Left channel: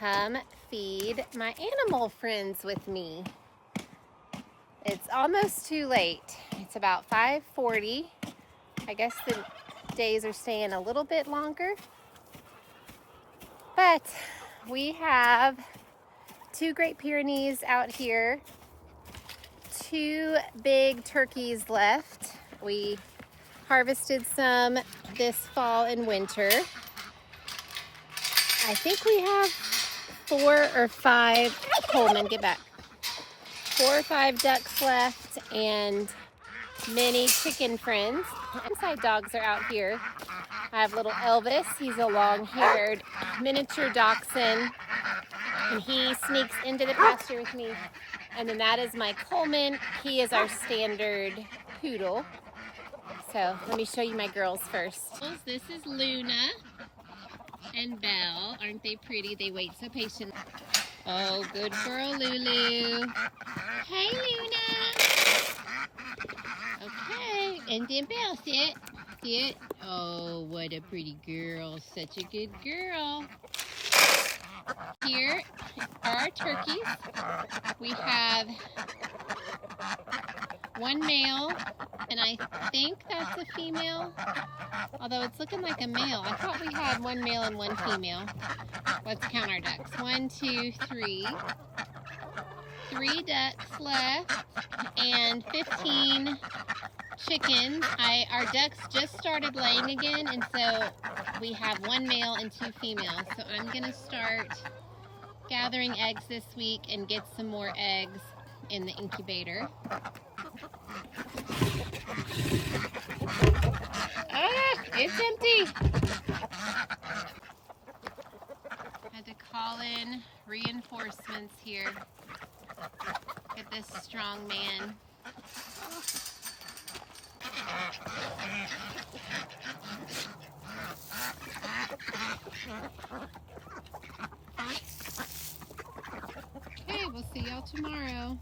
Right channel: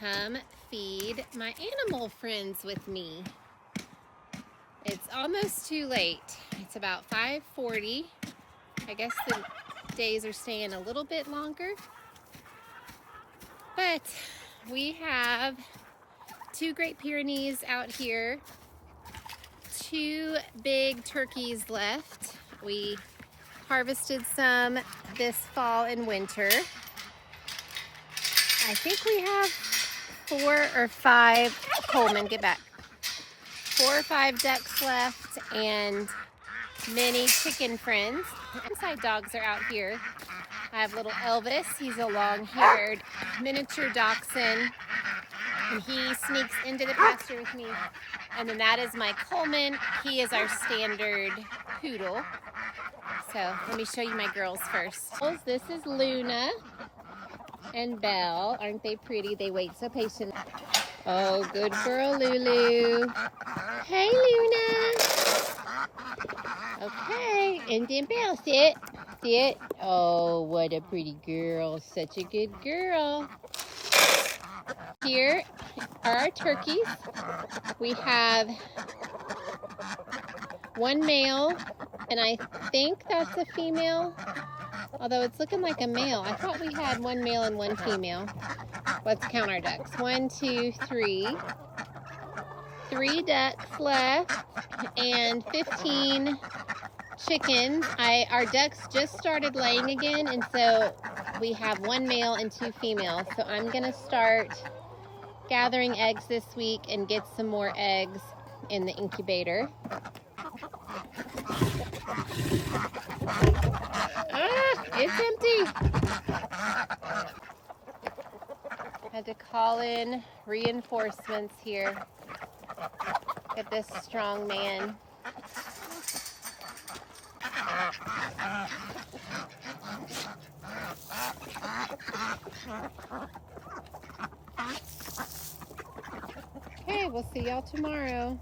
come feed my animal friends with me. It's almost too late. It's about 5:40. I guess the days are staying a little bit longer. But we have 2 Great Pyrenees out here, 2 big turkeys left. We harvested some this fall and winter. I think we have 4 or 5, Coleman, get back. 4 or 5 ducks left and many chicken friends. Inside dogs are out here. I have little Elvis. He's a long-haired miniature dachshund, and he sneaks into the pasture with me. And then that is my Coleman. He is our standard poodle. So let me show you my girls first. This is Luna and Belle. Aren't they pretty? They wait so patiently. Oh, good girl, Lulu. Hey, Luna. Okay, and then Belle, sit. Sit. Oh, what a pretty girl. Such a good girl. Here are our turkeys. We have 1 male, and I think that's a female, although it's looking like a male. I thought we had 1 male and 1 female. Let's count our ducks. 1, 2, 3. 3 ducks left and 15 chickens. Our ducks just started laying again, and so we have 1 male and 2 females. So I'm gonna start gathering eggs this week and get some more eggs in the incubator. Ah, it's empty. Had to call in reinforcements here. Get this strong man. Okay, we'll see y'all tomorrow.